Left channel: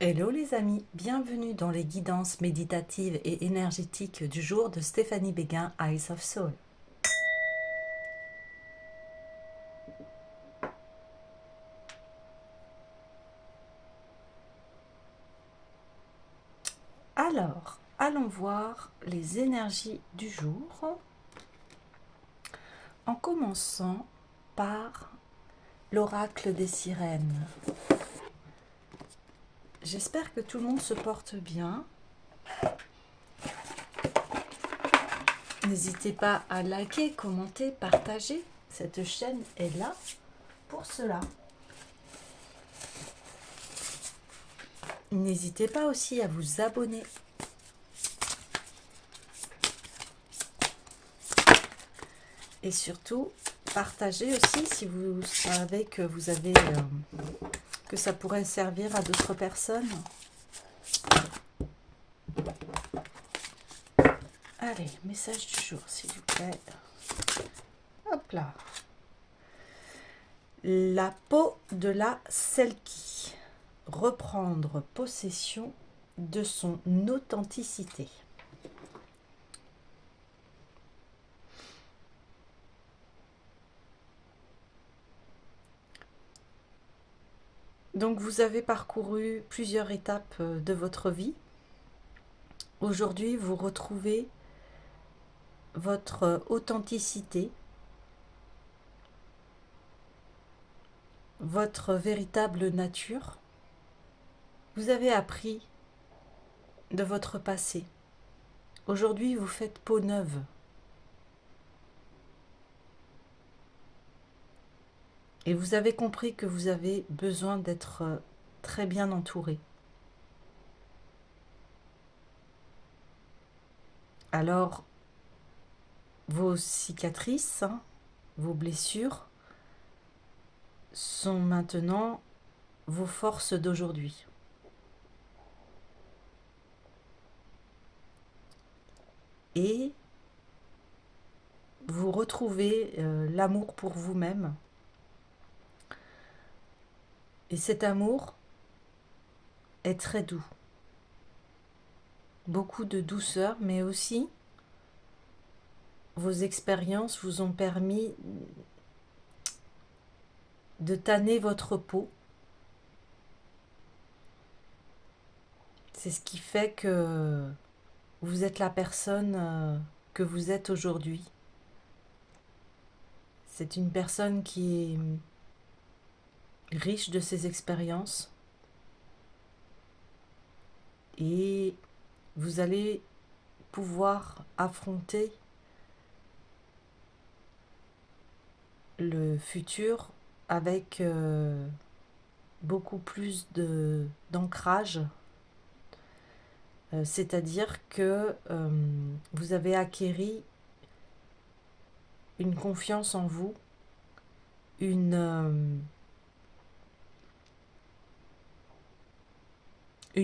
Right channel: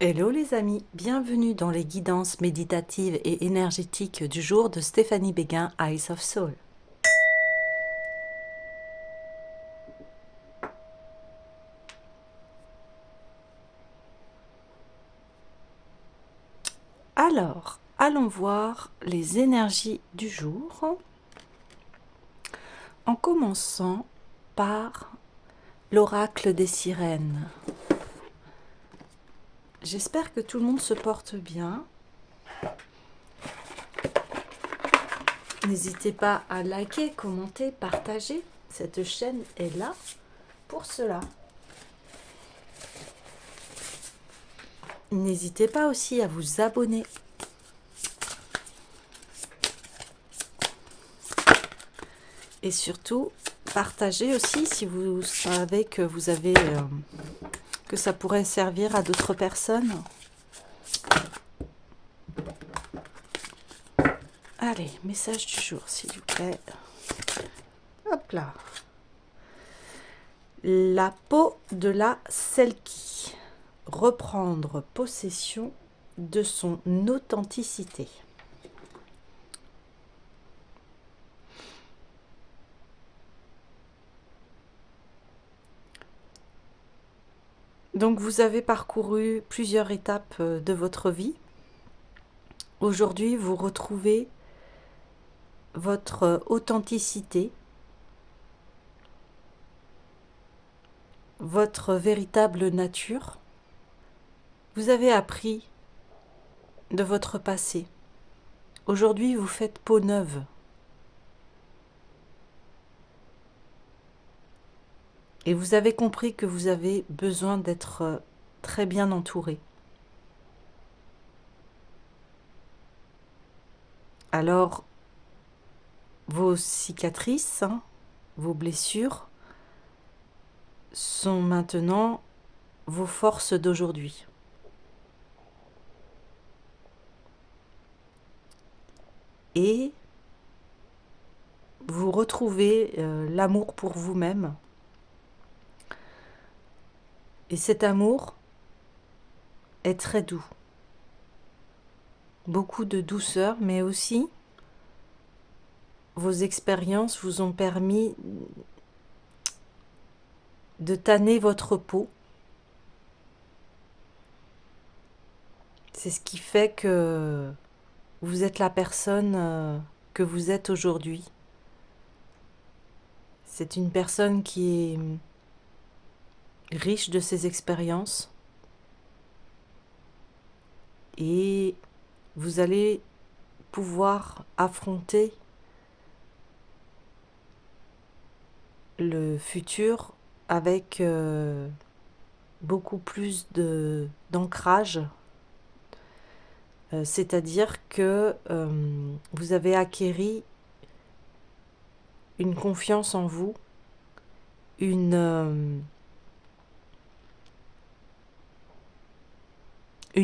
Hello les amis, bienvenue dans les guidances méditatives et énergétiques du jour de Stéphanie Béguin, Eyes of Soul. Alors, allons voir les énergies du jour en commençant par l'oracle des sirènes. J'espère que tout le monde se porte bien. N'hésitez pas à liker, commenter, partager. Cette chaîne est là pour cela. N'hésitez pas aussi à vous abonner. Et surtout, partagez aussi si vous savez que vous avez que ça pourrait servir à d'autres personnes. Allez, message du jour, s'il vous plaît. Hop là. La peau de la Selkie. Reprendre possession de son authenticité. Donc vous avez parcouru plusieurs étapes de votre vie. Aujourd'hui, vous retrouvez votre authenticité, votre véritable nature. Vous avez appris de votre passé. Aujourd'hui, vous faites peau neuve. Et vous avez compris que vous avez besoin d'être très bien entouré. Alors, vos cicatrices, vos blessures, sont maintenant vos forces d'aujourd'hui. Et vous retrouvez l'amour pour vous-même. Et cet amour est très doux. Beaucoup de douceur, mais aussi vos expériences vous ont permis de tanner votre peau. C'est ce qui fait que vous êtes la personne que vous êtes aujourd'hui. C'est une personne qui est riche de ses expériences et vous allez pouvoir affronter le futur avec beaucoup plus d'ancrage. C'est-à-dire que vous avez acquéri une confiance en vous, une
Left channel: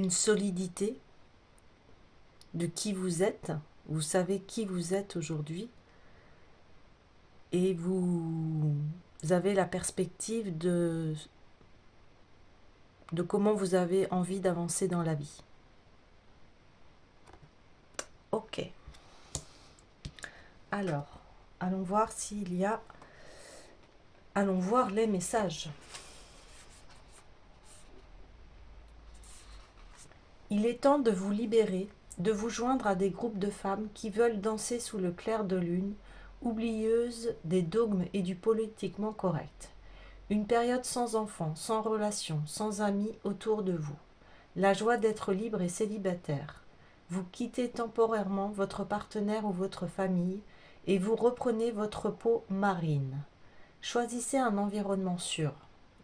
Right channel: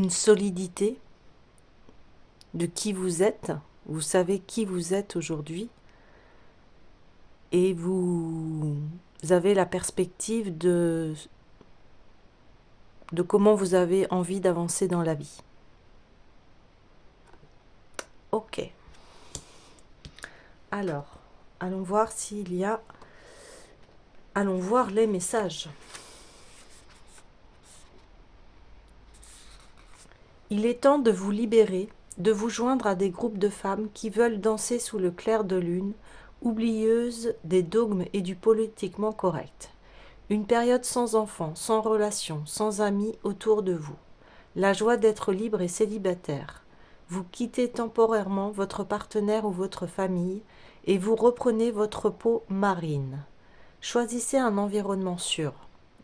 solidité de qui vous êtes. Vous savez qui vous êtes aujourd'hui et vous avez la perspective de comment vous avez envie d'avancer dans la vie. Ok. Alors, allons voir s'il y a... Allons voir les messages. Il est temps de vous libérer, de vous joindre à des groupes de femmes qui veulent danser sous le clair de lune, oublieuses des dogmes et du politiquement correct. Une période sans enfants, sans relations, sans amis autour de vous. La joie d'être libre et célibataire. Vous quittez temporairement votre partenaire ou votre famille et vous reprenez votre peau marine. Choisissez un environnement sûr.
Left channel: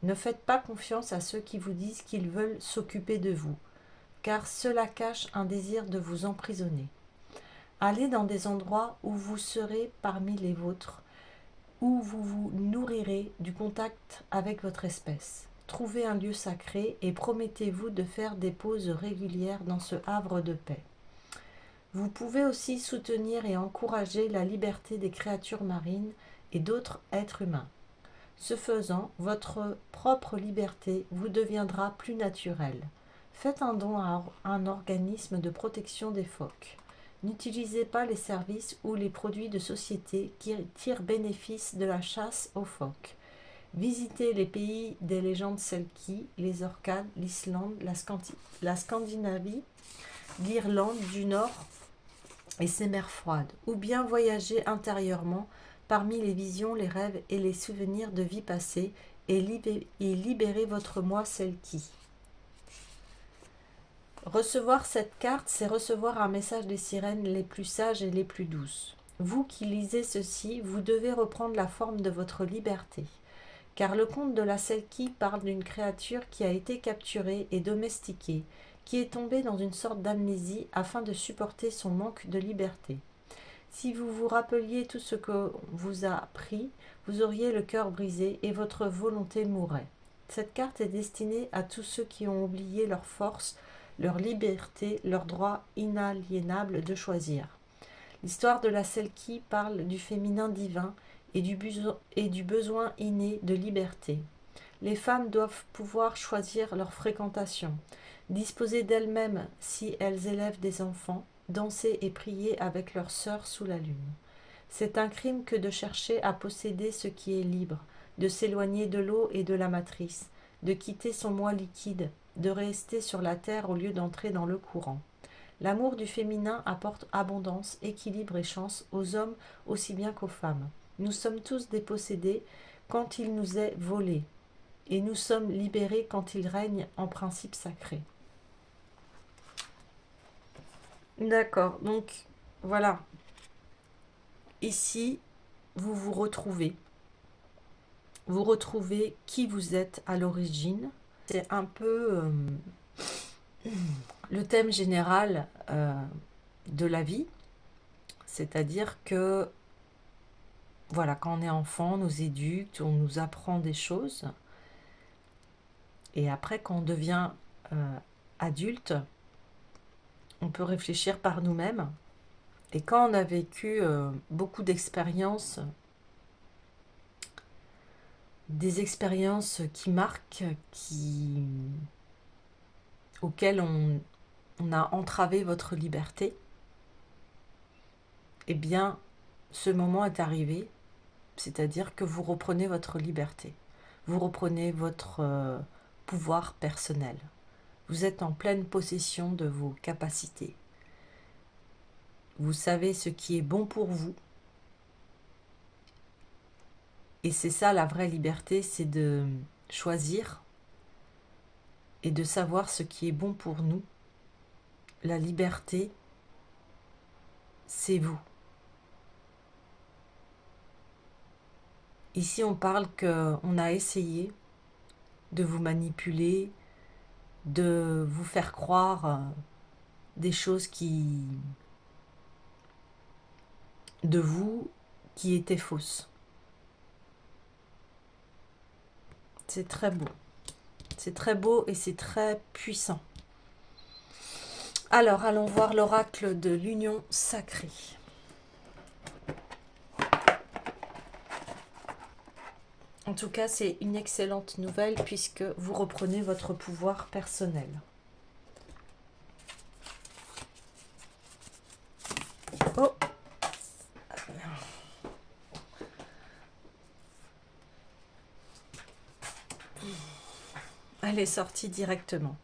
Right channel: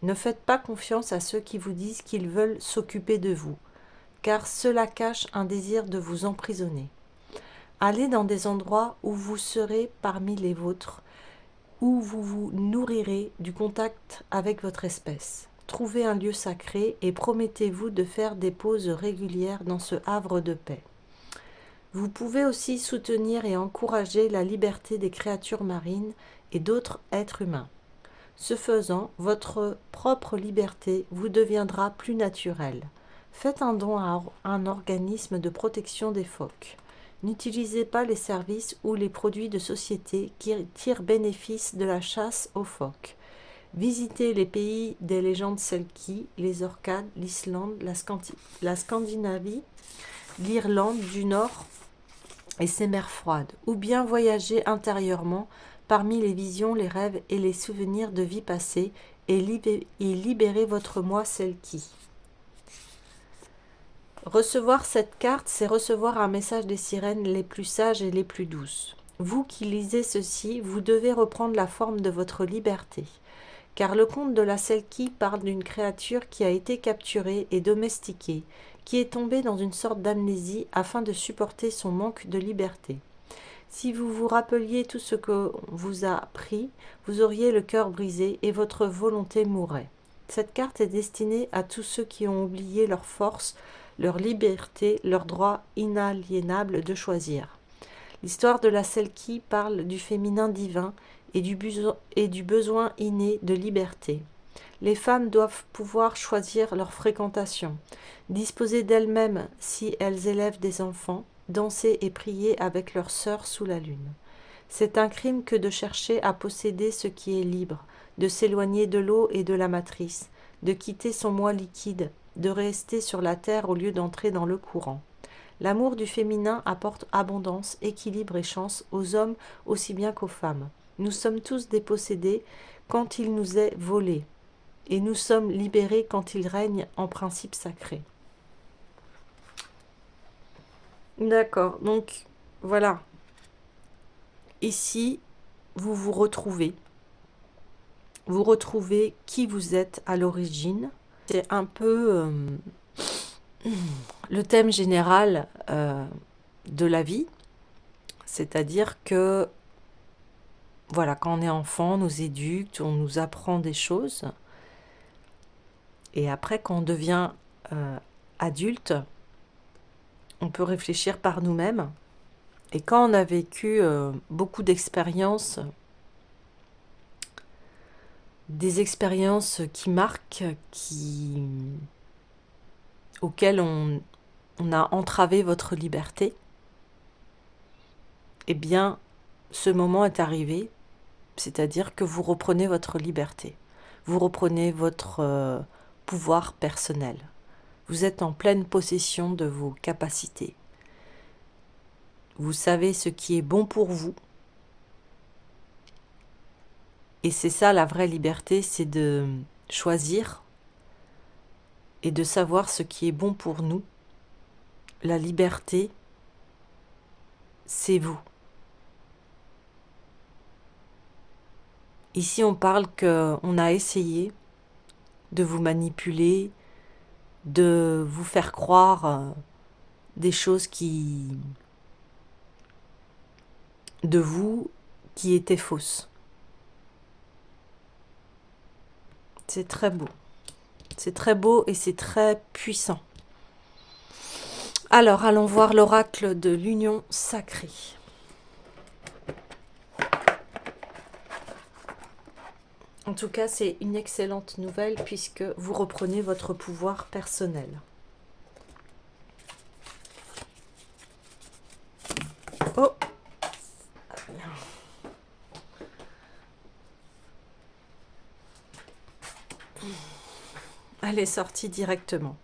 Ne faites pas confiance à ceux qui vous disent qu'ils veulent s'occuper de vous, car cela cache un désir de vous emprisonner. Allez dans des endroits où vous serez parmi les vôtres, où vous vous nourrirez du contact avec votre espèce. Trouvez un lieu sacré et promettez-vous de faire des pauses régulières dans ce havre de paix. Vous pouvez aussi soutenir et encourager la liberté des créatures marines et d'autres êtres humains. Ce faisant, votre propre liberté vous deviendra plus naturelle. Faites un don à un organisme de protection des phoques. N'utilisez pas les services ou les produits de société qui tirent bénéfice de la chasse aux phoques. Visitez les pays des légendes Selkie, les Orcades, l'Islande, la Scandinavie, l'Irlande du Nord et ses mers froides, ou bien voyagez intérieurement parmi les visions, les rêves et les souvenirs de vie passée et libérez votre moi Selkie. Recevoir cette carte, c'est recevoir un message des sirènes les plus sages et les plus douces. Vous qui lisez ceci, vous devez reprendre la forme de votre liberté. Car le conte de la Selkie parle d'une créature qui a été capturée et domestiquée, qui est tombée dans une sorte d'amnésie afin de supporter son manque de liberté. Si vous vous rappeliez tout ce que vous a pris, vous auriez le cœur brisé et votre volonté mourrait. Cette carte est destinée à tous ceux qui ont oublié leur force, leur liberté, leur droit inaliénable de choisir. L'histoire de la Selkie parle du féminin divin et du besoin inné de liberté. Les femmes doivent pouvoir choisir leur fréquentation, disposer d'elles-mêmes si elles élèvent des enfants, danser et prier avec leurs sœurs sous la lune. C'est un crime que de chercher à posséder ce qui est libre, de s'éloigner de l'eau et de la matrice, de quitter son moi liquide, de rester sur la terre au lieu d'entrer dans le courant. L'amour du féminin apporte abondance, équilibre et chance aux hommes aussi bien qu'aux femmes. Nous sommes tous dépossédés quand il nous est volé, et nous sommes libérés quand il règne en principe sacré. D'accord, donc voilà. Ici, vous vous retrouvez. Vous retrouvez qui vous êtes à l'origine. C'est un peu le thème général de la vie. C'est-à-dire que, voilà, quand on est enfant, on nous éduque, on nous apprend des choses. Et après, quand on devient adulte, on peut réfléchir par nous-mêmes. Et quand on a vécu beaucoup d'expériences, des expériences qui marquent, auxquelles on a entravé votre liberté, eh bien, ce moment est arrivé, c'est-à-dire que vous reprenez votre liberté, vous reprenez votre pouvoir personnel. Vous êtes en pleine possession de vos capacités. Vous savez ce qui est bon pour vous. Et c'est ça la vraie liberté, c'est de choisir et de savoir ce qui est bon pour nous. La liberté, c'est vous. Ici, on parle qu'on a essayé de vous manipuler, de vous faire croire des choses de vous qui étaient fausses. C'est très beau. C'est très beau et c'est très puissant. Alors, allons voir l'oracle de l'union sacrée. En tout cas, c'est une excellente nouvelle puisque vous reprenez votre pouvoir personnel. Oh! Elle est sortie directement.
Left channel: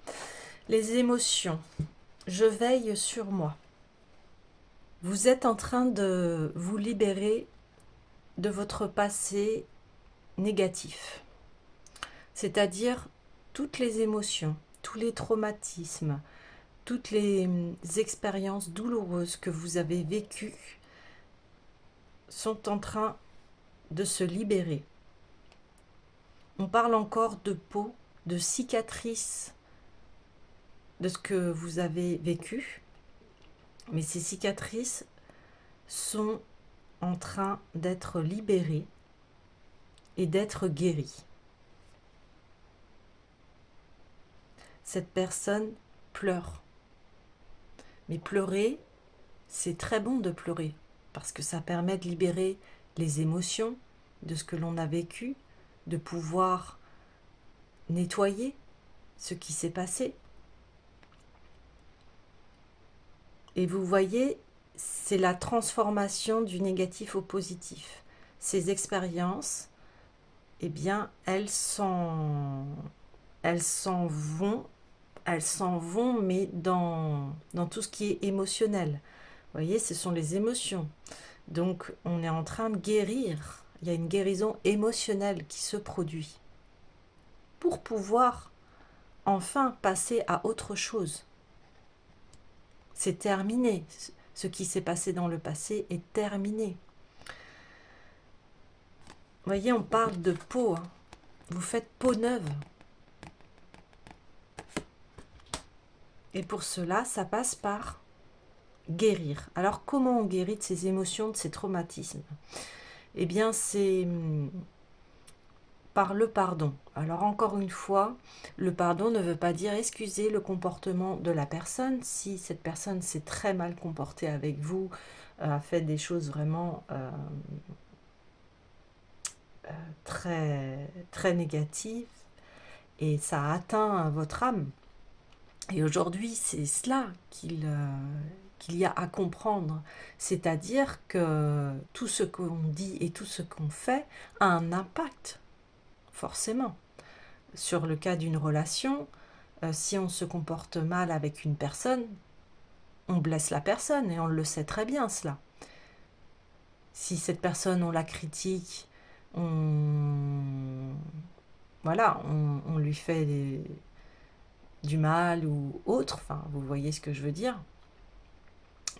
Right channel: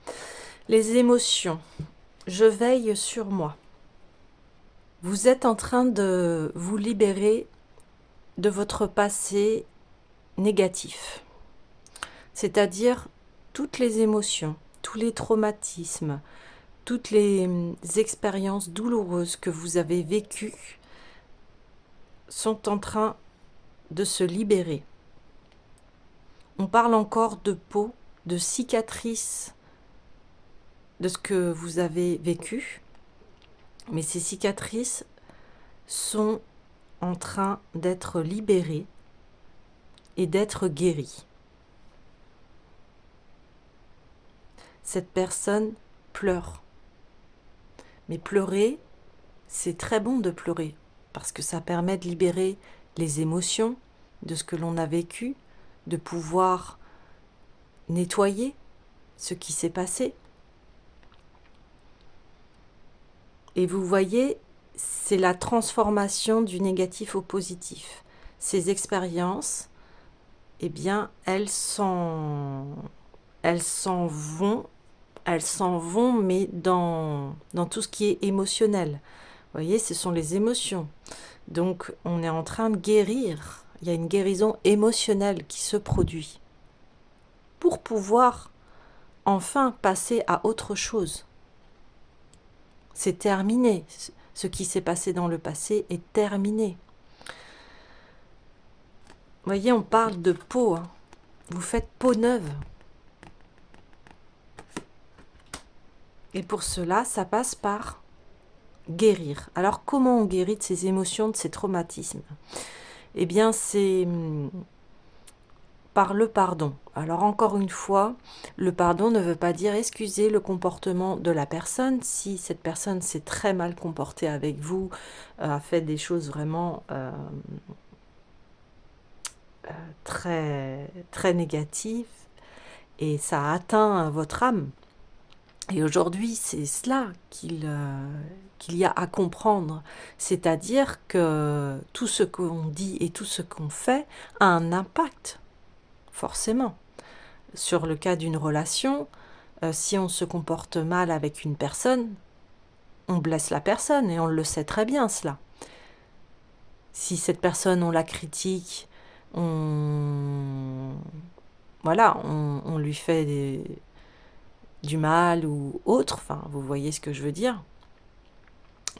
Les émotions. Je veille sur moi. Vous êtes en train de vous libérer de votre passé négatif. C'est-à-dire toutes les émotions, tous les traumatismes, toutes les expériences douloureuses que vous avez vécues sont en train de se libérer. On parle encore de peau, de cicatrices de ce que vous avez vécu, mais ces cicatrices sont en train d'être libérées et d'être guéries. Cette personne pleure. Mais pleurer, c'est très bon de pleurer, parce que ça permet de libérer les émotions de ce que l'on a vécu, de pouvoir nettoyer ce qui s'est passé. Et vous voyez, c'est la transformation du négatif au positif. Ces expériences, eh bien, elles s'en vont, mais dans tout ce qui est émotionnel. Vous voyez, ce sont les émotions. Donc, on est en train de guérir. Il y a une guérison émotionnelle qui se produit pour pouvoir enfin passer à autre chose. C'est terminé. Ce qui s'est passé dans le passé est terminé. Vous voyez, on parle de peau. Hein. Vous faites peau neuve. Et pour cela, ça passe par guérir. Alors, comment on guérit de ces émotions, de ces traumatismes? Eh bien, c'est par le pardon. Alors, encore une fois, le pardon ne veut pas dire excuser le comportement de la personne. Si cette personne s'est très mal comportée avec vous, a fait des choses vraiment très, très négatives, et ça a atteint votre âme. Et aujourd'hui, c'est cela qu'il y a à comprendre. C'est-à-dire que tout ce qu'on dit et tout ce qu'on fait a un impact, forcément. Sur le cas d'une relation, si on se comporte mal avec une personne, on blesse la personne et on le sait très bien cela. Si cette personne, on la critique, voilà, on lui fait du mal ou autre, enfin, vous voyez ce que je veux dire,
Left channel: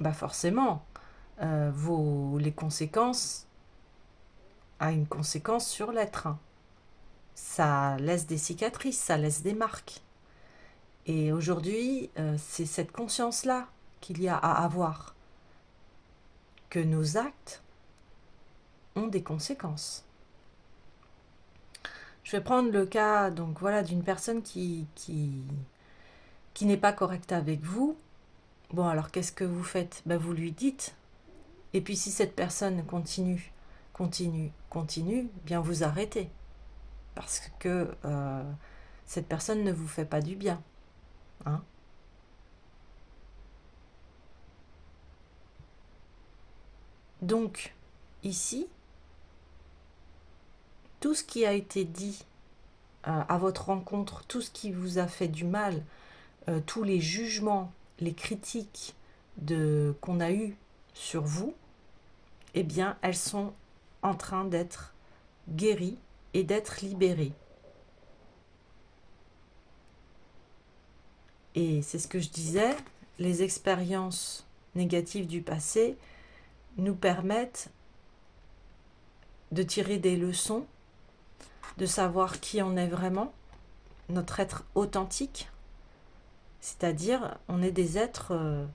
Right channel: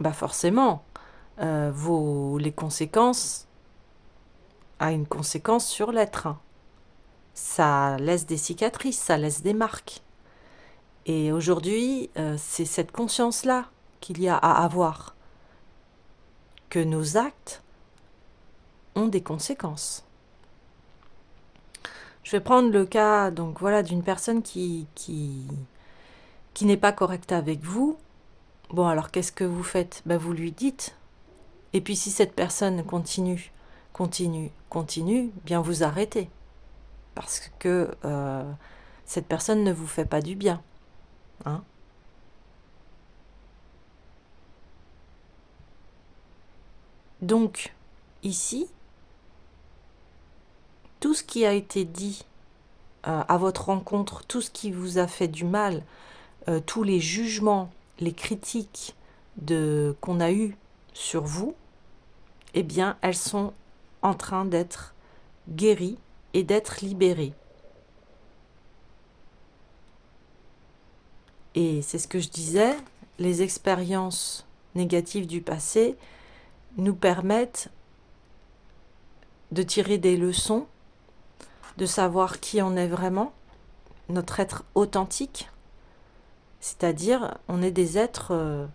bah forcément, les conséquences a une conséquence sur l'être. Ça laisse des cicatrices, ça laisse des marques. Et aujourd'hui, c'est cette conscience-là qu'il y a à avoir, que nos actes ont des conséquences. Je vais prendre le cas donc voilà d'une personne qui n'est pas correcte avec vous. Bon, alors qu'est-ce que vous faites? Ben, vous lui dites. Et puis si cette personne continue, bien vous arrêtez. Parce que cette personne ne vous fait pas du bien. Hein. Donc, ici, tout ce qui a été dit à votre rencontre, tout ce qui vous a fait du mal, tous les jugements, les critiques qu'on a eues sur vous, eh bien, elles sont en train d'être guéries et d'être libérées. Et c'est ce que je disais, les expériences négatives du passé nous permettent de tirer des leçons, de savoir qui on est vraiment, notre être authentique, c'est-à-dire on est des êtres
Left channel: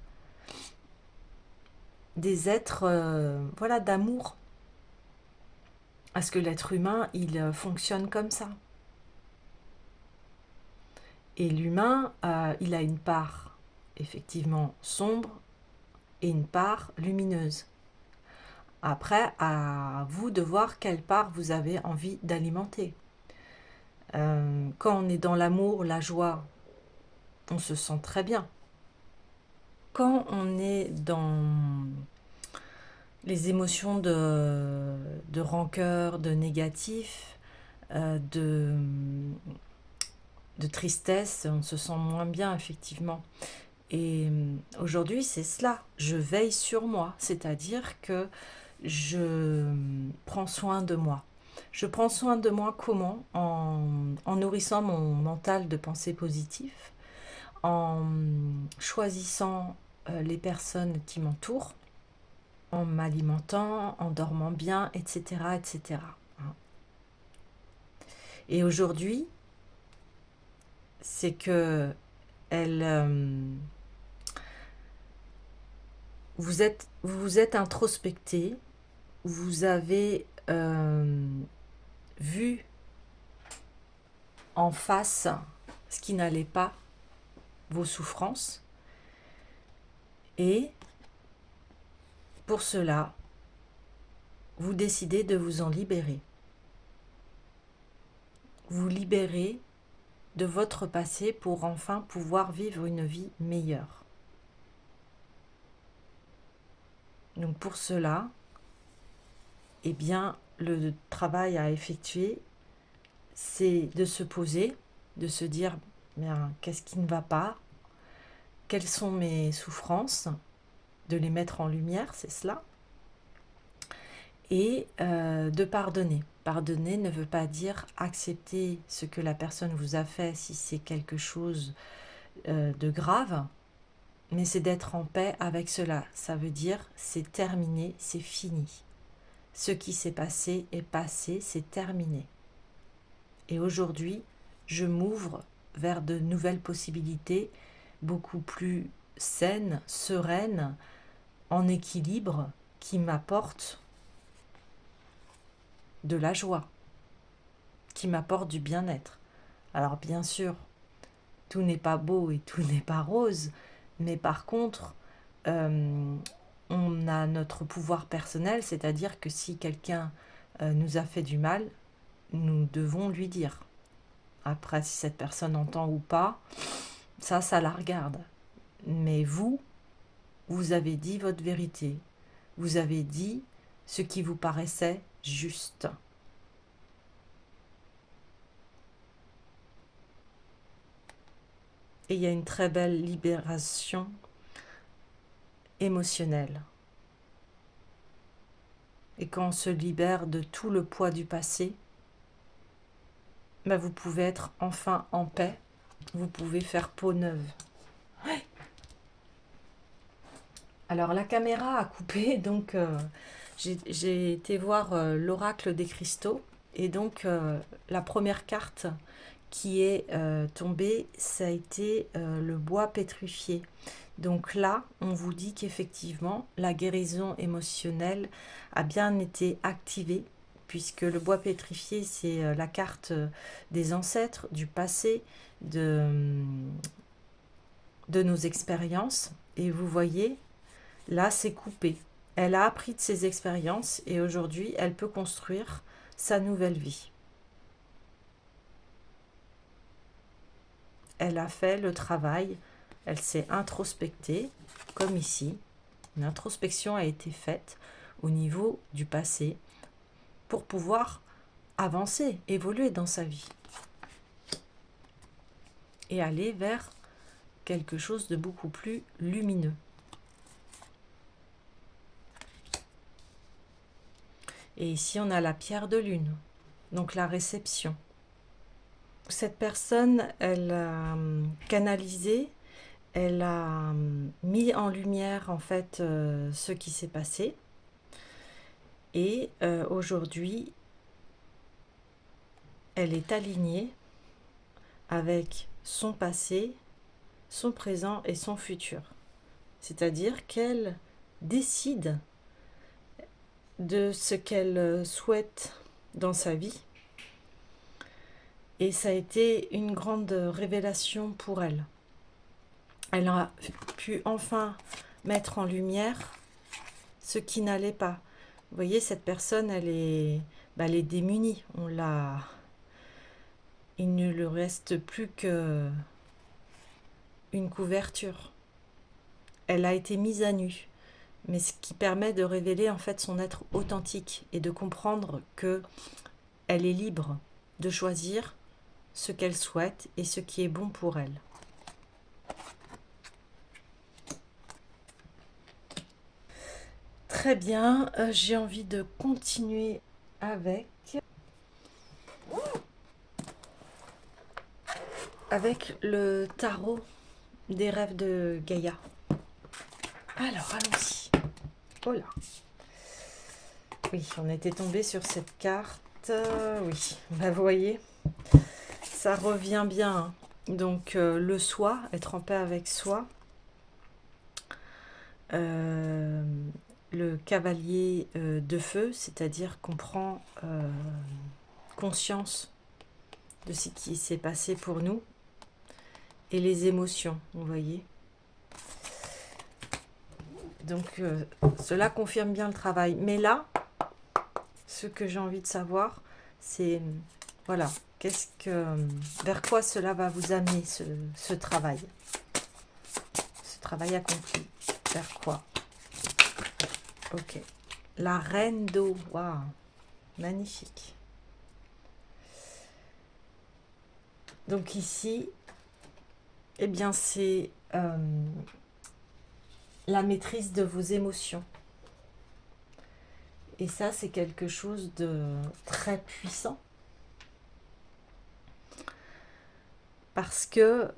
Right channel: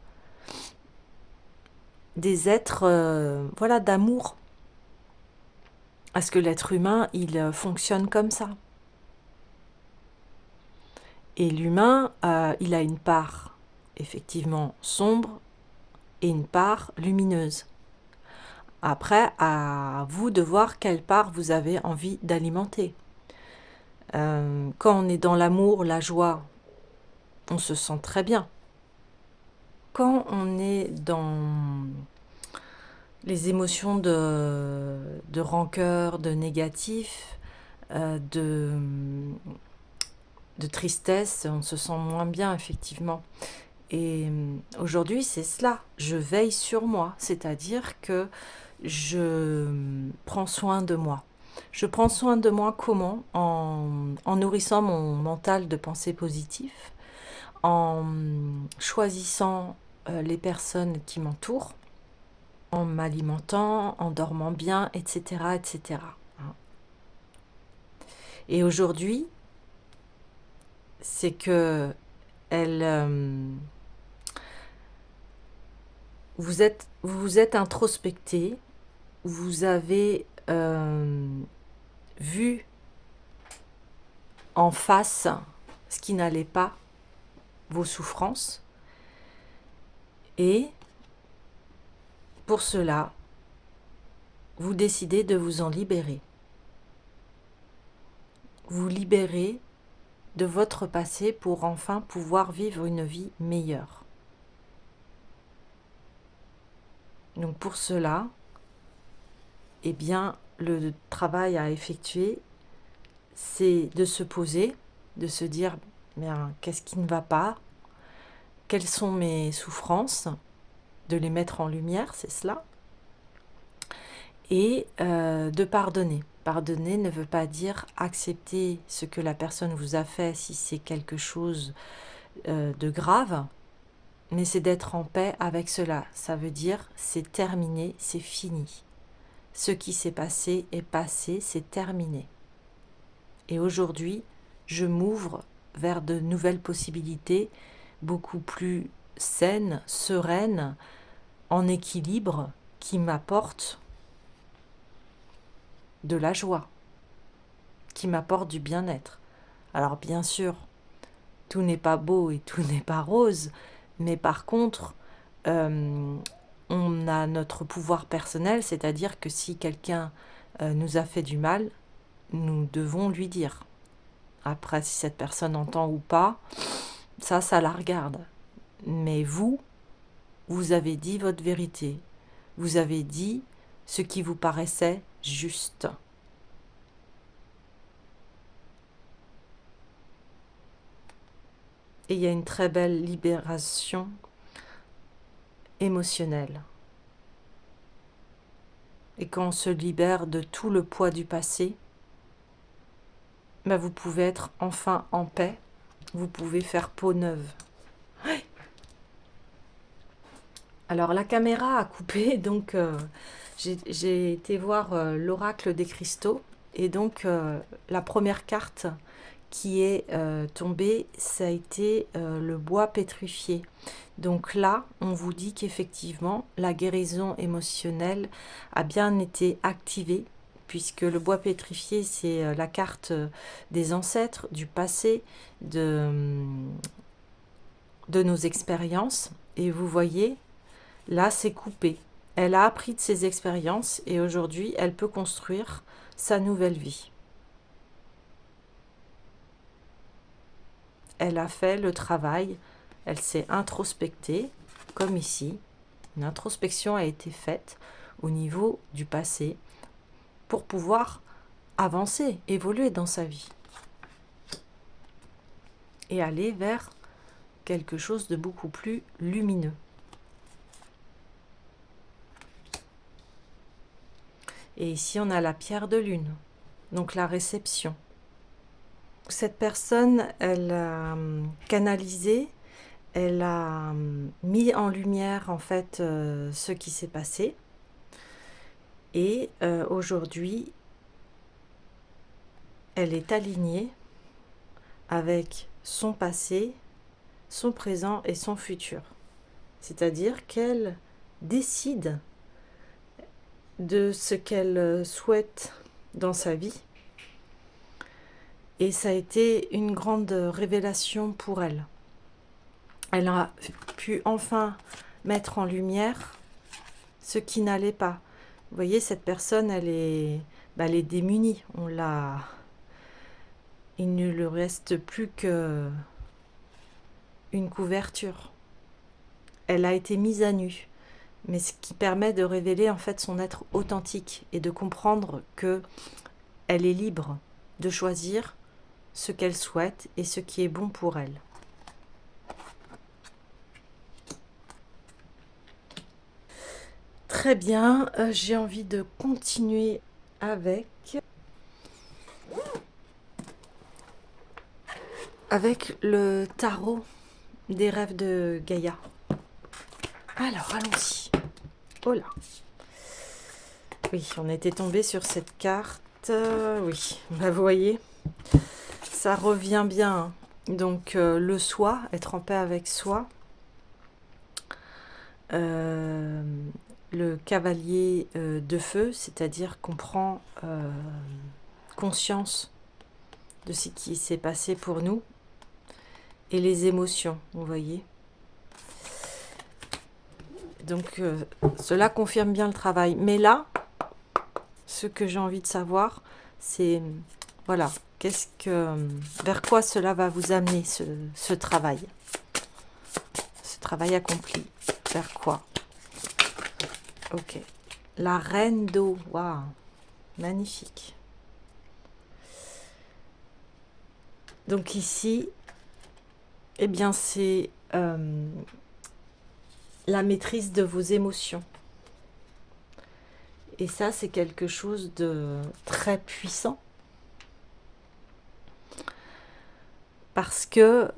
voilà, d'amour. Parce que l'être humain, il fonctionne comme ça. Et l'humain, il a une part effectivement sombre et une part lumineuse. Après, à vous de voir quelle part vous avez envie d'alimenter. Quand on est dans l'amour, la joie, on se sent très bien. Quand on est dans les émotions de rancœur, de négatif, de tristesse, on se sent moins bien, effectivement. Et aujourd'hui, c'est cela. Je veille sur moi, c'est-à-dire que je prends soin de moi. Je prends soin de moi comment? En nourrissant mon mental de pensées positives, en choisissant les personnes qui m'entourent, en m'alimentant, en dormant bien, etc., etc. Et aujourd'hui, c'est que vous vous êtes introspecté, vous avez vu en face ce qui n'allait pas, vos souffrances, et pour cela, vous décidez de vous en libérer. Vous libérez de votre passé pour enfin pouvoir vivre une vie meilleure. Donc pour cela, eh bien, le travail à effectuer, c'est de se poser, de se dire, bien, qu'est-ce qui ne va pas? Quelles sont mes souffrances? De les mettre en lumière, c'est cela. Et de pardonner. Pardonner ne veut pas dire accepter ce que la personne vous a fait si c'est quelque chose de grave, mais c'est d'être en paix avec cela. Ça veut dire c'est terminé, c'est fini. Ce qui s'est passé est passé, c'est terminé. Et aujourd'hui, je m'ouvre vers de nouvelles possibilités, beaucoup plus saines, sereines, en équilibre, qui m'apportent de la joie, qui m'apportent du bien-être. Alors bien sûr, tout n'est pas beau et tout n'est pas rose, mais par contre, on a notre pouvoir personnel, c'est-à-dire que si quelqu'un nous a fait du mal, nous devons lui dire. Après, si cette personne entend ou pas, ça la regarde. Mais vous, vous avez dit votre vérité. Vous avez dit ce qui vous paraissait juste. Et il y a une très belle libération émotionnelle. Et quand on se libère de tout le poids du passé, vous pouvez être enfin en paix. Vous pouvez faire peau neuve. Alors la caméra a coupé, donc j'ai été voir l'oracle des cristaux. Et donc la première carte qui est tombée, ça a été le bois pétrifié. Donc là, on vous dit qu'effectivement, la guérison émotionnelle a bien été activée, puisque le bois pétrifié, c'est la carte des ancêtres, du passé, de nos expériences. Et vous voyez, là, c'est coupé. Elle a appris de ses expériences et aujourd'hui, elle peut construire sa nouvelle vie. Elle a fait le travail, elle s'est introspectée, comme ici. Une introspection a été faite au niveau du passé pour pouvoir avancer, évoluer dans sa vie et aller vers quelque chose de beaucoup plus lumineux. Et ici, on a la pierre de lune, donc la réception. Cette personne, elle a canalisé, elle a mis en lumière en fait ce qui s'est passé. Et aujourd'hui, elle est alignée avec son passé, son présent et son futur. C'est-à-dire qu'elle décide de ce qu'elle souhaite dans sa vie. Et ça a été une grande révélation pour elle. Elle a pu enfin mettre en lumière ce qui n'allait pas. Vous voyez, cette personne, elle est démunie. Il ne lui reste plus que une couverture. Elle a été mise à nu, mais ce qui permet de révéler en fait son être authentique et de comprendre que elle est libre de choisir ce qu'elle souhaite et ce qui est bon pour elle. Très bien, j'ai envie de continuer avec le tarot des rêves de Gaïa. Alors, allons-y. Oh là. Oui, on était tombé sur cette carte. Oui, vous voyez, ça revient bien. Hein. Donc, le soi, être en paix avec soi. Le cavalier de feu, c'est-à-dire qu'on prend conscience de ce qui s'est passé pour nous et les émotions, vous voyez. Donc cela confirme bien le travail. Mais là, ce que j'ai envie de savoir, c'est voilà, vers quoi cela va vous amener ce travail accompli, vers quoi? Ok. La reine d'eau. Waouh. Magnifique. Donc ici, eh bien, c'est la maîtrise de vos émotions. Et ça, c'est quelque chose de très puissant. Parce que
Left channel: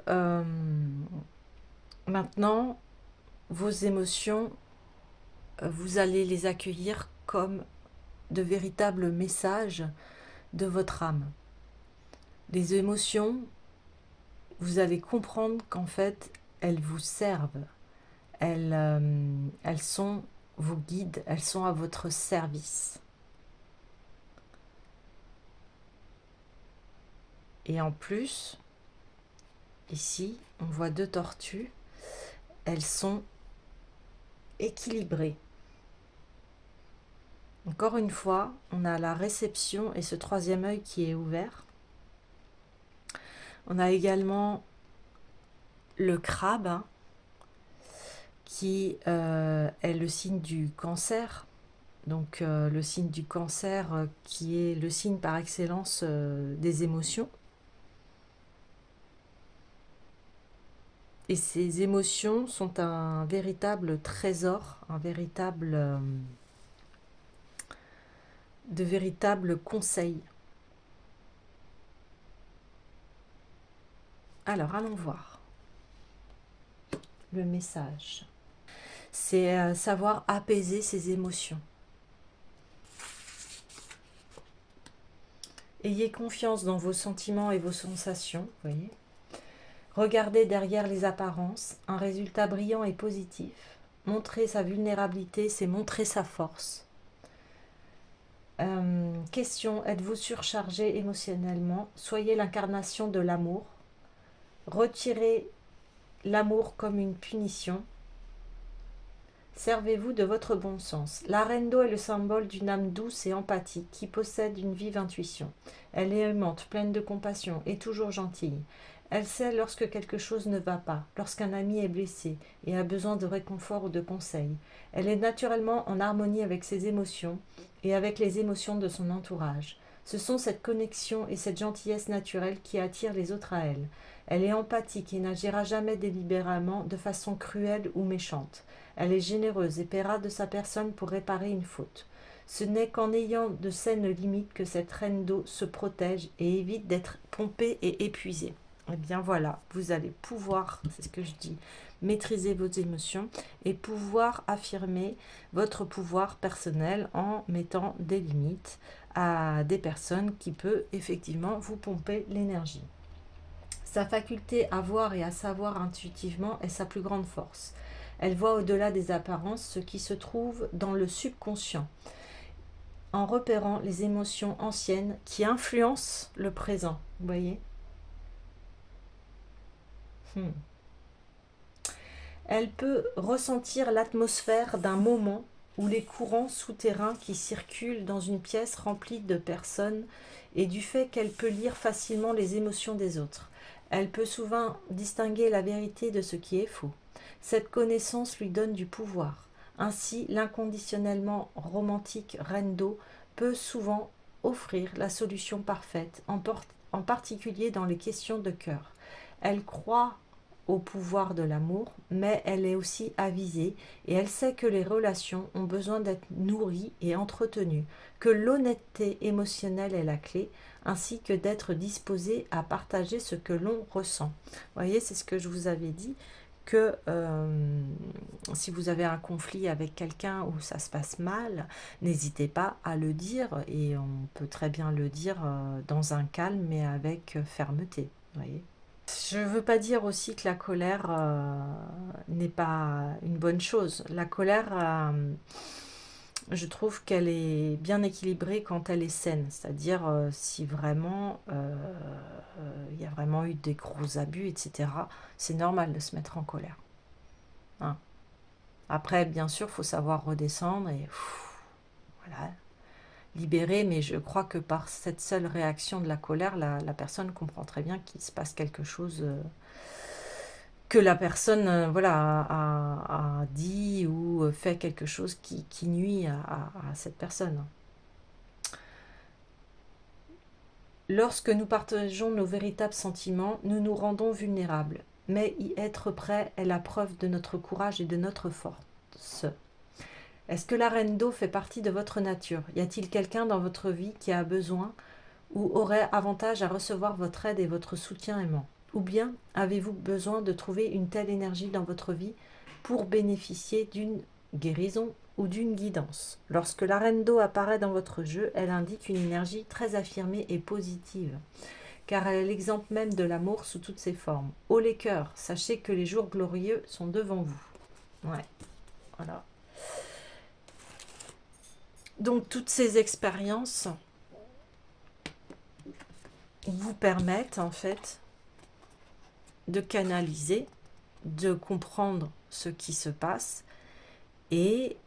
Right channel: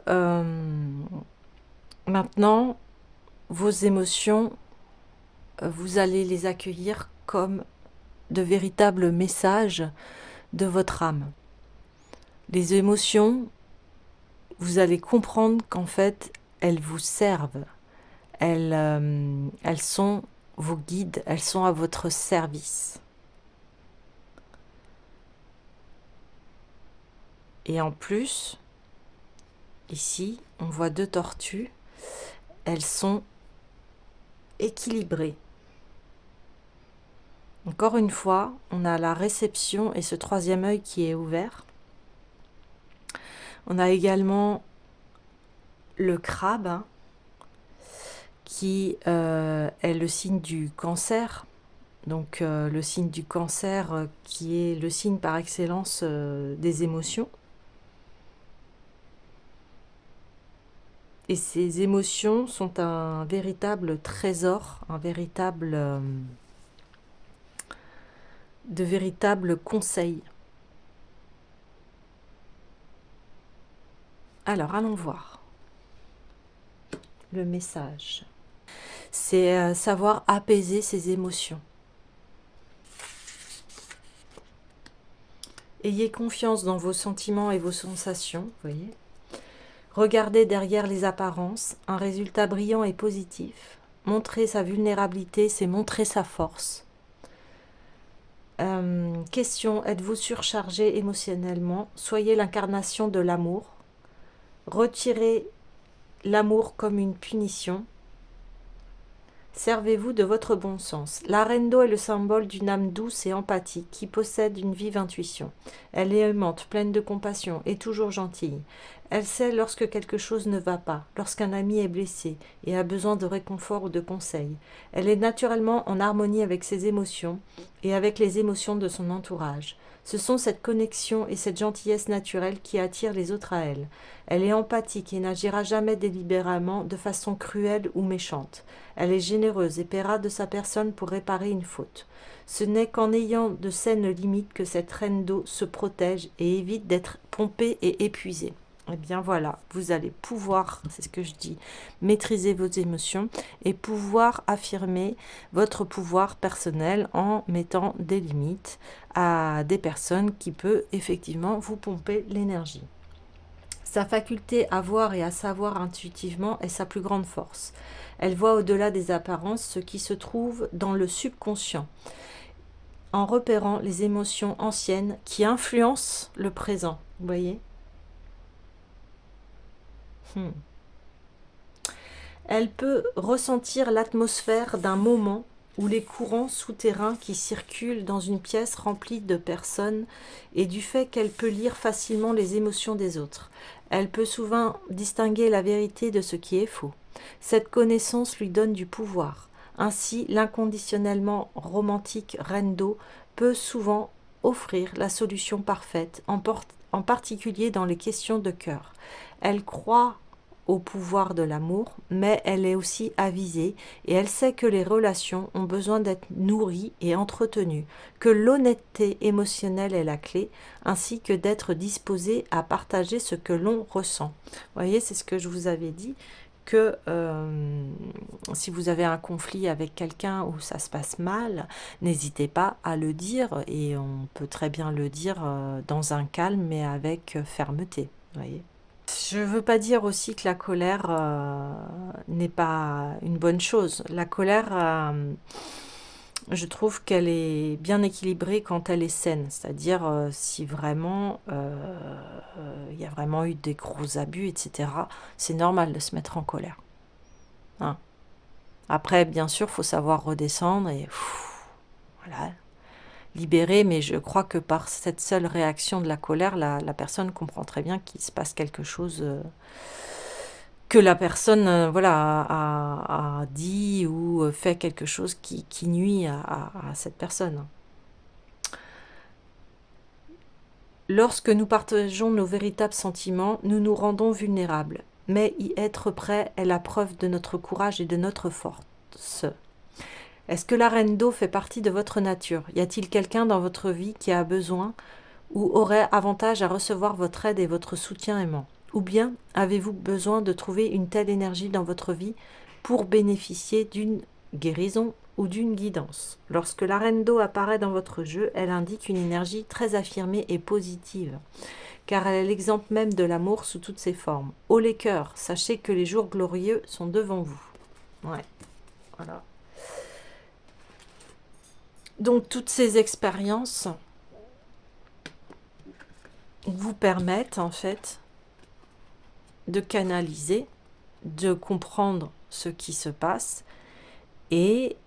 maintenant, vos émotions, vous allez les accueillir comme de véritables messages de votre âme. Les émotions, vous allez comprendre qu'en fait, elles vous servent. Elles sont vos guides, elles sont à votre service. Et en plus, ici, on voit 2 tortues. Elles sont équilibrées. Encore une fois, on a la réception et ce 3e œil qui est ouvert. On a également le crabe, hein, qui est le signe du cancer. Donc le signe du cancer qui est le signe par excellence des émotions. Et ces émotions sont un véritable trésor, de véritables conseils. Alors, allons voir le message. C'est savoir apaiser ses émotions. Ayez confiance dans vos sentiments et vos sensations, vous voyez. Regardez derrière les apparences, un résultat brillant et positif. Montrer sa vulnérabilité, c'est montrer sa force. Question, êtes-vous surchargé émotionnellement? Soyez l'incarnation de l'amour. Retirez l'amour comme une punition. Servez-vous de votre bon sens. La reine d'eau est le symbole d'une âme douce et empathique qui possède une vive intuition. Elle est aimante, pleine de compassion et toujours gentille. Elle sait lorsque quelque chose ne va pas, lorsqu'un ami est blessé et a besoin de réconfort ou de conseils. Elle est naturellement en harmonie avec ses émotions et avec les émotions de son entourage. Ce sont cette connexion et cette gentillesse naturelle qui attirent les autres à elle. Elle est empathique et n'agira jamais délibérément de façon cruelle ou méchante. Elle est généreuse et paiera de sa personne pour réparer une faute. Ce n'est qu'en ayant de saines limites que cette reine d'eau se protège et évite d'être pompée et épuisée. Eh bien voilà, vous allez pouvoir, c'est ce que je dis, maîtriser vos émotions et pouvoir affirmer votre pouvoir personnel en mettant des limites à des personnes qui peuvent effectivement vous pomper l'énergie. Sa faculté à voir et à savoir intuitivement est sa plus grande force. Elle voit au-delà des apparences ce qui se trouve dans le subconscient, en repérant les émotions anciennes qui influencent le présent. Vous voyez ? Elle peut ressentir l'atmosphère d'un moment ou les courants souterrains qui circulent dans une pièce remplie de personnes et du fait qu'elle peut lire facilement les émotions des autres. Elle peut souvent distinguer la vérité de ce qui est faux. Cette connaissance lui donne du pouvoir. Ainsi, l'inconditionnellement romantique reine d'eau peut souvent offrir la solution parfaite, en particulier dans les questions de cœur. Elle croit au pouvoir de l'amour, mais elle est aussi avisée et elle sait que les relations ont besoin d'être nourries et entretenues, que l'honnêteté émotionnelle est la clé, ainsi que d'être disposée à partager ce que l'on ressent. Vous voyez, c'est ce que je vous avais dit, que si vous avez un conflit avec quelqu'un où ça se passe mal, n'hésitez pas à le dire, et on peut très bien le dire dans un calme, mais avec fermeté. Vous voyez. Je ne veux pas dire aussi que la colère n'est pas une bonne chose. La colère, je trouve qu'elle est bien équilibrée quand elle est saine. C'est-à-dire si vraiment il y a vraiment eu des gros abus, etc., c'est normal de se mettre en colère. Hein. Après, bien sûr, il faut savoir redescendre et voilà, libérer, mais je crois que par cette seule réaction de la colère, la personne comprend très bien qu'il se passe quelque chose que la personne voilà, a dit ou fait quelque chose qui nuit à cette personne. Lorsque nous partageons nos véritables sentiments, nous nous rendons vulnérables. Mais y être prêt est la preuve de notre courage et de notre force. Est-ce que la reine d'eau fait partie de votre nature? Y a-t-il quelqu'un dans votre vie qui a besoin ou aurait avantage à recevoir votre aide et votre soutien aimant? Ou bien avez-vous besoin de trouver une telle énergie dans votre vie pour bénéficier d'une guérison ou d'une guidance? Lorsque la reine d'eau apparaît dans votre jeu, elle indique une énergie très affirmée et positive, car elle est l'exemple même de l'amour sous toutes ses formes. Haut les cœurs, sachez que les jours glorieux sont devant vous. Ouais, voilà. Donc toutes ces expériences vous permettent en fait de canaliser, de comprendre ce qui se passe. Et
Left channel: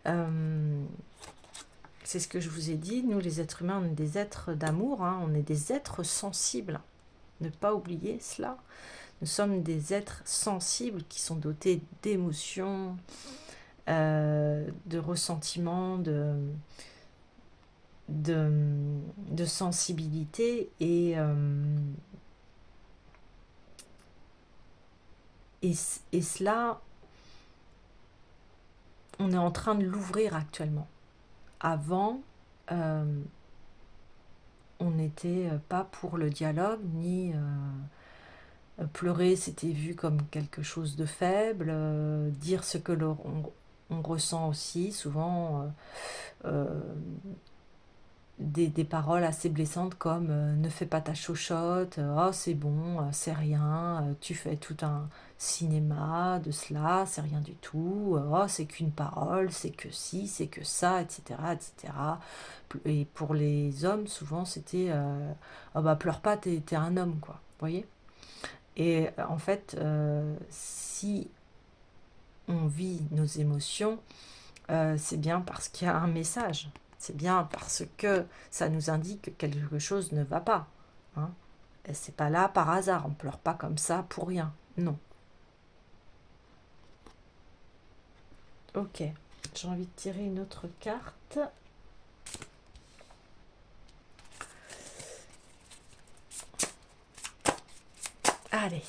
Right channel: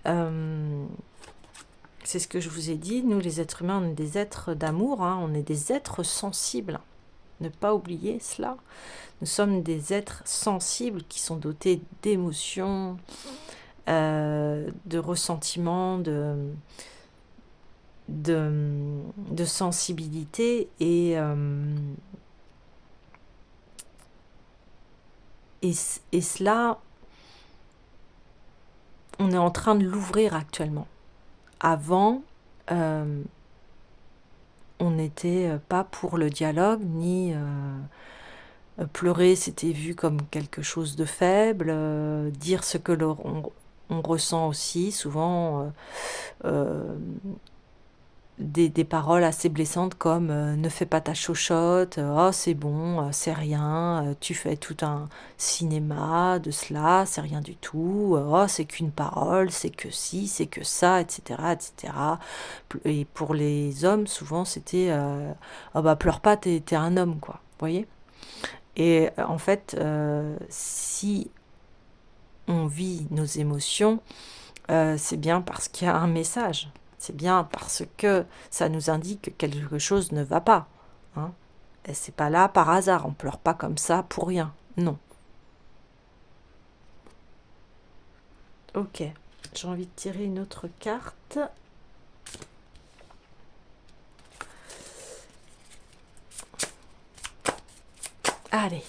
c'est ce que je vous ai dit, nous les êtres humains, on est des êtres d'amour, hein, on est des êtres sensibles. Ne pas oublier cela. Nous sommes des êtres sensibles qui sont dotés d'émotions, de ressentiments, de sensibilité et cela, on est en train de l'ouvrir actuellement. Avant, on n'était pas pour le dialogue, ni pleurer, c'était vu comme quelque chose de faible, dire ce que on ressent aussi, souvent des paroles assez blessantes comme ne fais pas ta chochotte, oh c'est bon, c'est rien, tu fais tout un cinéma de cela, c'est rien du tout, oh c'est qu'une parole, c'est que ci, c'est que ça, etc. etc. Et pour les hommes, souvent c'était oh bah pleure pas, t'es un homme, quoi, vous voyez. Et en fait, si on vit nos émotions, c'est bien parce qu'il y a un message. C'est bien parce que ça nous indique que quelque chose ne va pas. Hein. Et c'est pas là par hasard. On pleure pas comme ça pour rien. Non. Ok. J'ai envie de tirer une autre carte. Allez.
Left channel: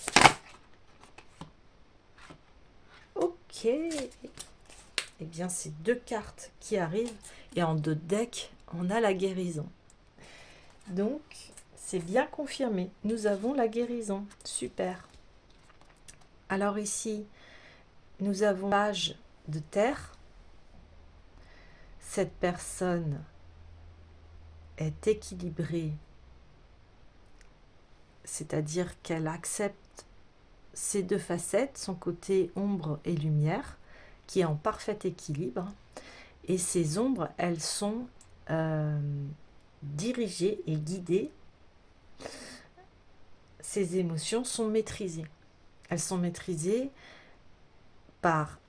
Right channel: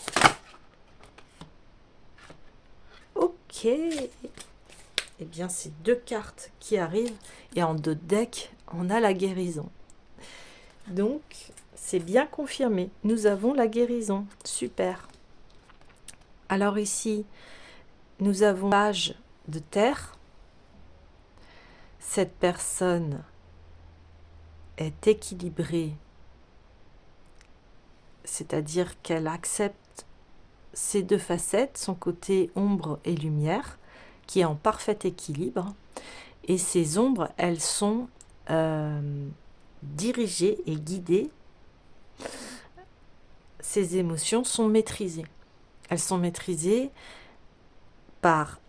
Ok. Eh bien, c'est deux cartes qui arrivent. Et en deux decks, on a la guérison. Donc, c'est bien confirmé. Nous avons la guérison. Super. Alors ici, nous avons l'âge de terre. Cette personne est équilibrée, c'est-à-dire qu'elle accepte ses deux facettes, son côté ombre et lumière, qui est en parfait équilibre. Et ces ombres, elles sont dirigées et guidées. Ces émotions sont maîtrisées. Elles sont maîtrisées par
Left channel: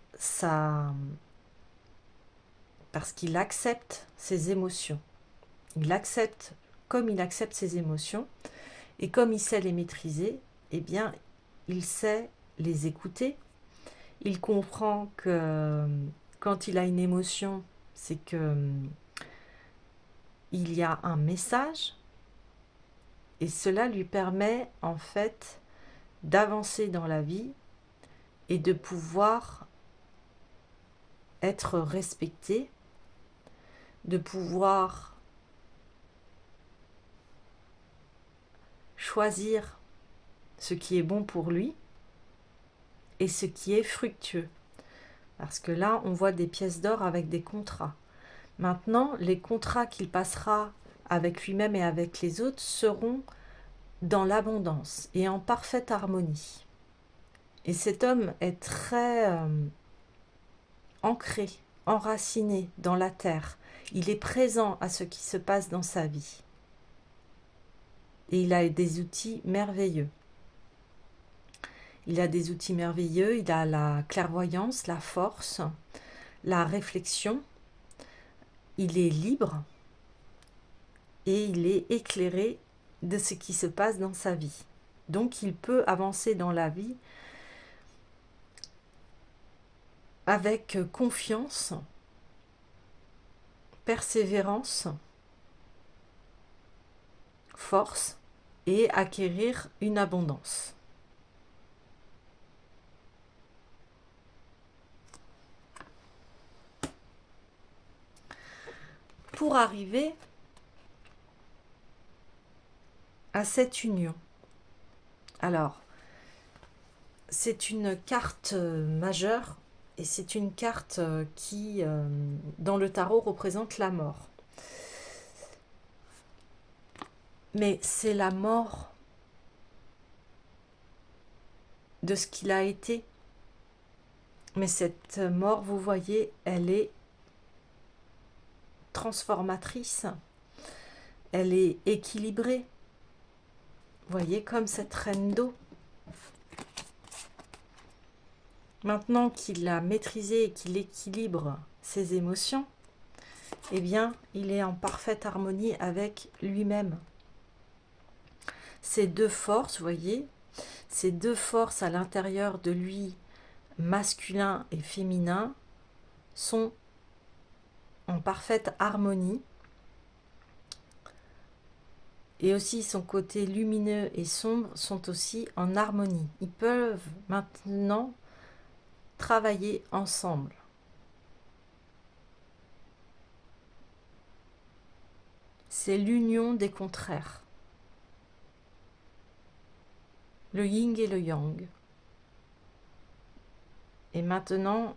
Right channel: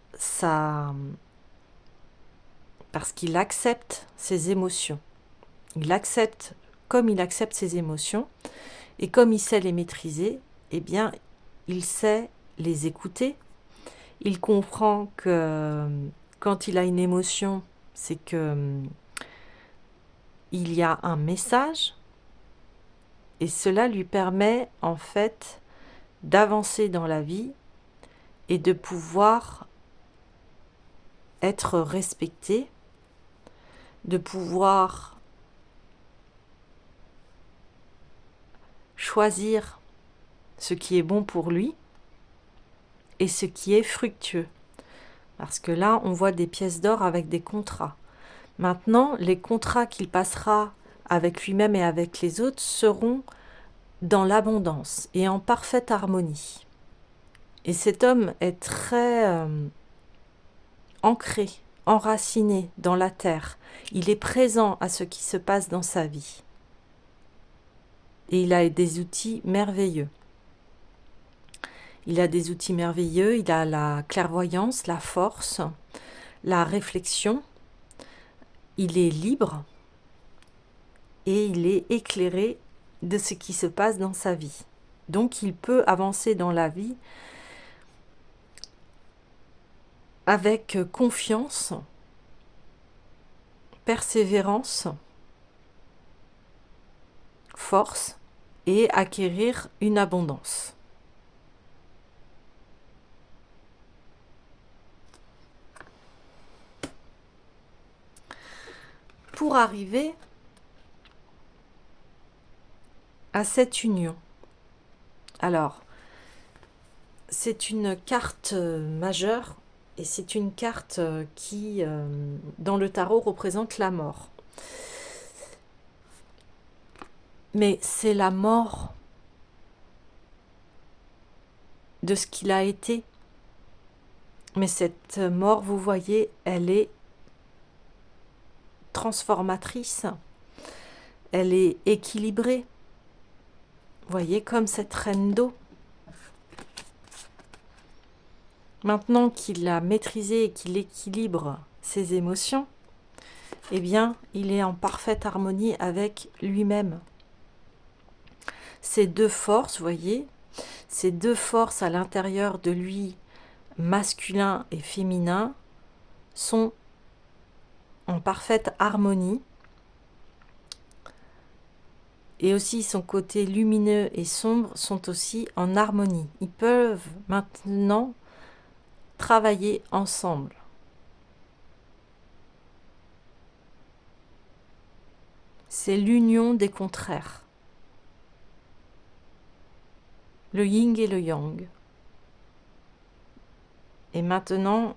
parce qu'il accepte ses émotions. Il accepte, comme il accepte ses émotions, et comme il sait les maîtriser, eh bien, il sait les écouter. Il comprend que quand il a une émotion, c'est que il y a un message, et cela lui permet en fait d'avancer dans la vie et de pouvoir être respecté, de pouvoir choisir ce qui est bon pour lui et ce qui est fructueux. Parce que là, on voit des pièces d'or avec des contrats. Maintenant, les contrats qu'il passera avec lui-même et avec les autres seront dans l'abondance et en parfaite harmonie. Et cet homme est très ancré, enraciné dans la terre. Il est présent à ce qui se passe dans sa vie. Et il a des outils merveilleux. Il a des outils merveilleux, il a la clairvoyance, la force, la réflexion. Il est libre et il est éclairé de ce qui se passe dans sa vie. Donc il peut avancer dans la vie avec confiance, persévérance, force et acquérir une abondance. Pour arriver à cette union, alors, c'est une carte majeure et c'est une carte qui, dans le tarot, représente la mort. Mais c'est la mort de ce qu'il a été. Mais cette mort, vous voyez, elle est transformatrice, elle est équilibrée. Vous voyez, comme cette reine d'eau. Maintenant qu'il a maîtrisé et qu'il équilibre ses émotions, eh bien, il est en parfaite harmonie avec lui-même. Ces deux forces, vous voyez, ces deux forces à l'intérieur de lui, masculin et féminin, sont en parfaite harmonie. Et aussi son côté lumineux et sombre sont aussi en harmonie. Ils peuvent maintenant travailler ensemble. C'est l'union des contraires. Le yin et le yang. Et maintenant,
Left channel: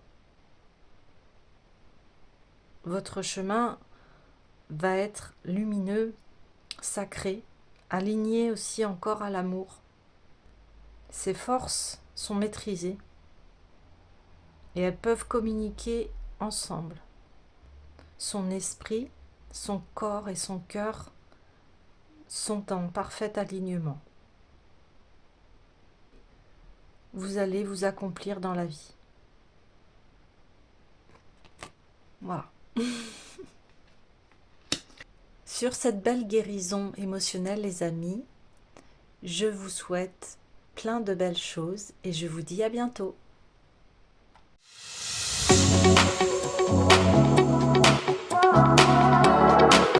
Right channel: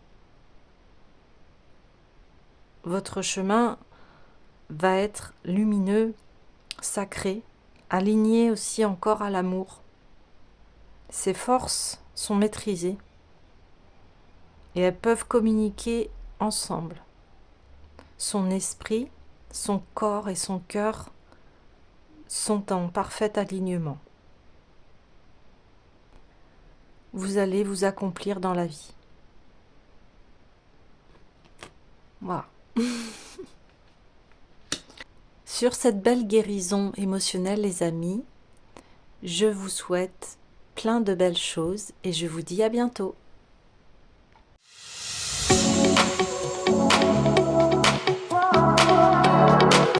votre chemin va être lumineux, sacré, aligné aussi encore à l'amour. Ses forces sont maîtrisées et elles peuvent communiquer ensemble. Son esprit, son corps et son cœur sont en parfait alignement. Vous allez vous accomplir dans la vie. Voilà. Sur cette belle guérison émotionnelle, les amis, je vous souhaite plein de belles choses et je vous dis à bientôt.